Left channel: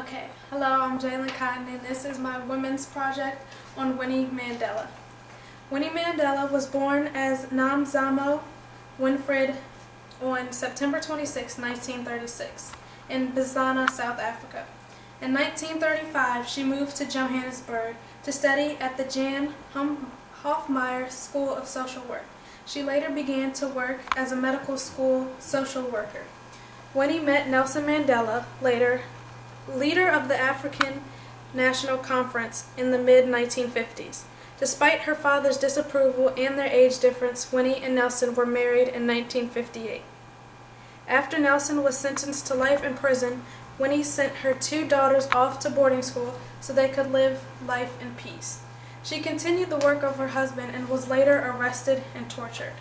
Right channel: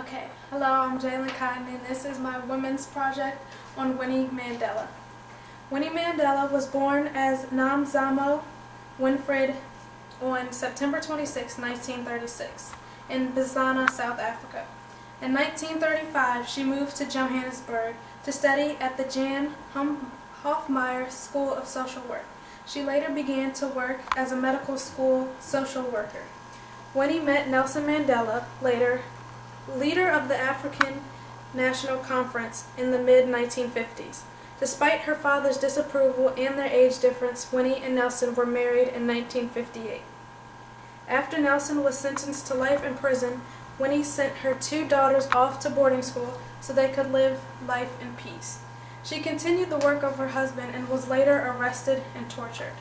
Okay, hello, I'm Jalen Cotton, and this is my women's project on Winnie Mandela. Winnie Mandela was born as Namzamo Winfred on September 26, 1936, in Botswana, South Africa. In 1935, she moved to Johannesburg to study at the Jan Hofmeyr School of Social Work. She later began to work as a medical school social worker. Winnie met Nelson Mandela, later leader of the African National Conference, in the mid-1950s. Despite her father's disapproval and their age difference, Winnie and Nelson were married in 1958. After Nelson was sentenced to life in prison, Winnie sent her two daughters off to boarding school so they could live life in peace. She continued the work of her husband and was later arrested and tortured.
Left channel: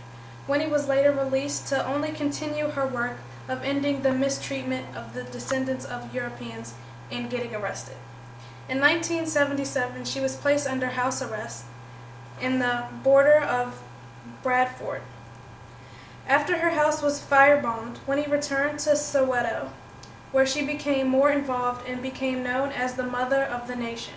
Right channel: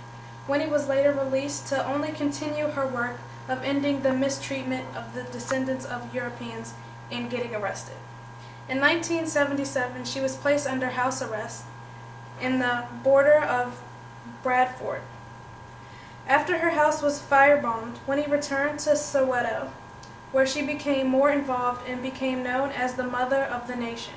Winnie was later released to only continue her work of ending the mistreatment of the descendants of Europeans and getting arrested. In 1977, she was placed under house arrest in the border of Bradford. After her house was firebombed, Winnie returned to Soweto, where she became more involved and became known as the Mother of the Nation.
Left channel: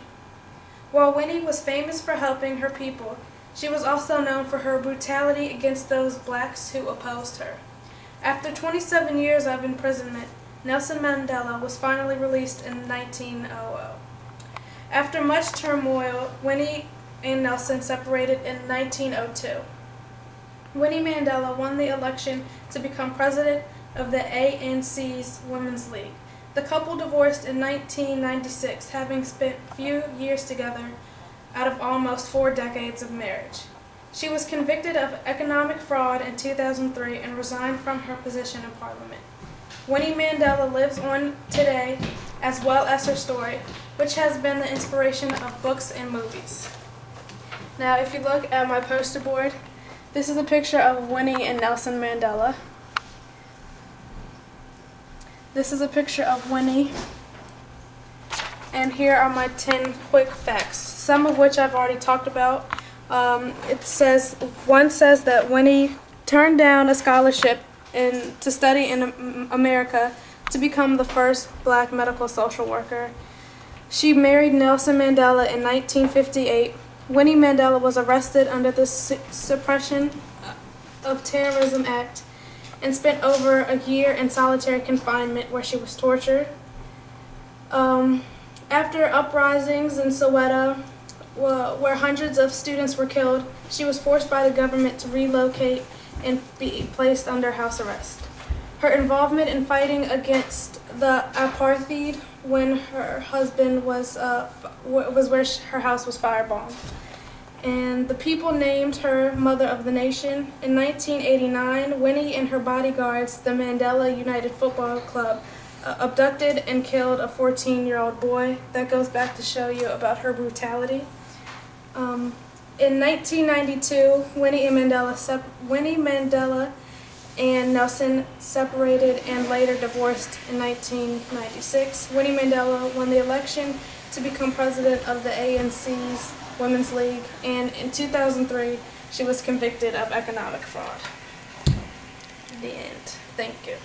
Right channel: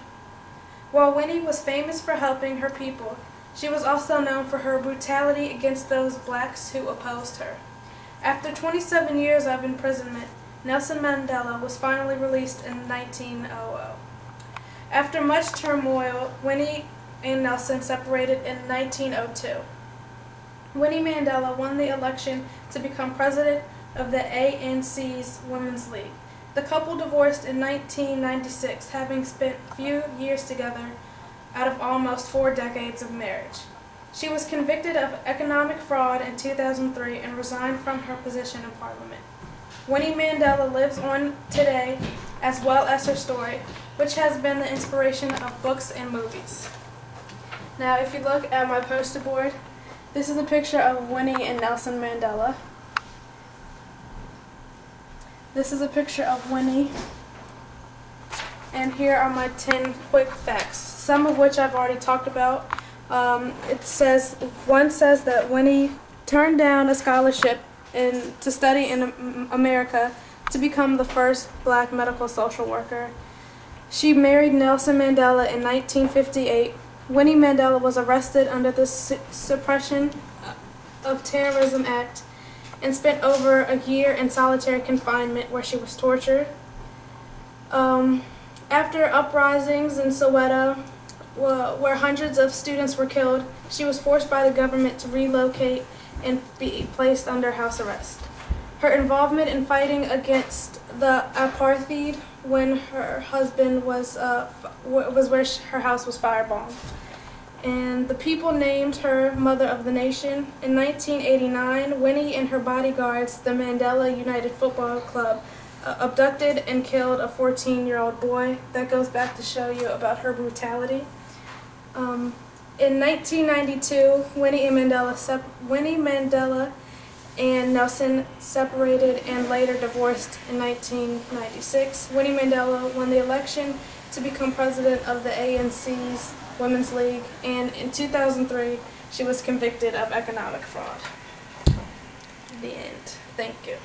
While Winnie was famous for helping her people, she was also known for her brutality against those blacks who opposed her. After 27 years of imprisonment, Nelson Mandela was finally released in 1900. After much turmoil, Winnie and Nelson separated in 1902. Winnie Mandela won the election to become president of the ANC's Women's League. The couple divorced in 1996, having spent few years together out of almost 4 decades of marriage. She was convicted of economic fraud in 2003 and resigned from her position in Parliament. Winnie Mandela lives on today, as well as her story, which has been the inspiration of books and movies. Now, if you look at my poster board, this is a picture of Winnie and Nelson Mandela. This is a picture of Winnie. And here are my 10 quick facts, some of which I've already talked about. One says that Winnie turned down a scholarship to study in America to become the first black medical social worker. She married Nelson Mandela in 1958. Winnie Mandela was arrested under the Suppression of Terrorism Act and spent over a year in solitary confinement where she was tortured. After uprisings in Soweto, where hundreds of students were killed, she was forced by the government to relocate and be placed under house arrest. Her involvement in fighting against the apartheid when her husband was where her house was firebombed. And the people named her Mother of the Nation. In 1989, Winnie and her bodyguards, the Mandela United Football Club, abducted and killed a 14-year-old boy. That goes back to show you about her brutality. In 1992, Winnie Mandela and Nelson separated and later divorced in 1996. Winnie Mandela won the election to become president of the ANC's Women's League, and in 2003, she was convicted of economic fraud. The end. Thank you.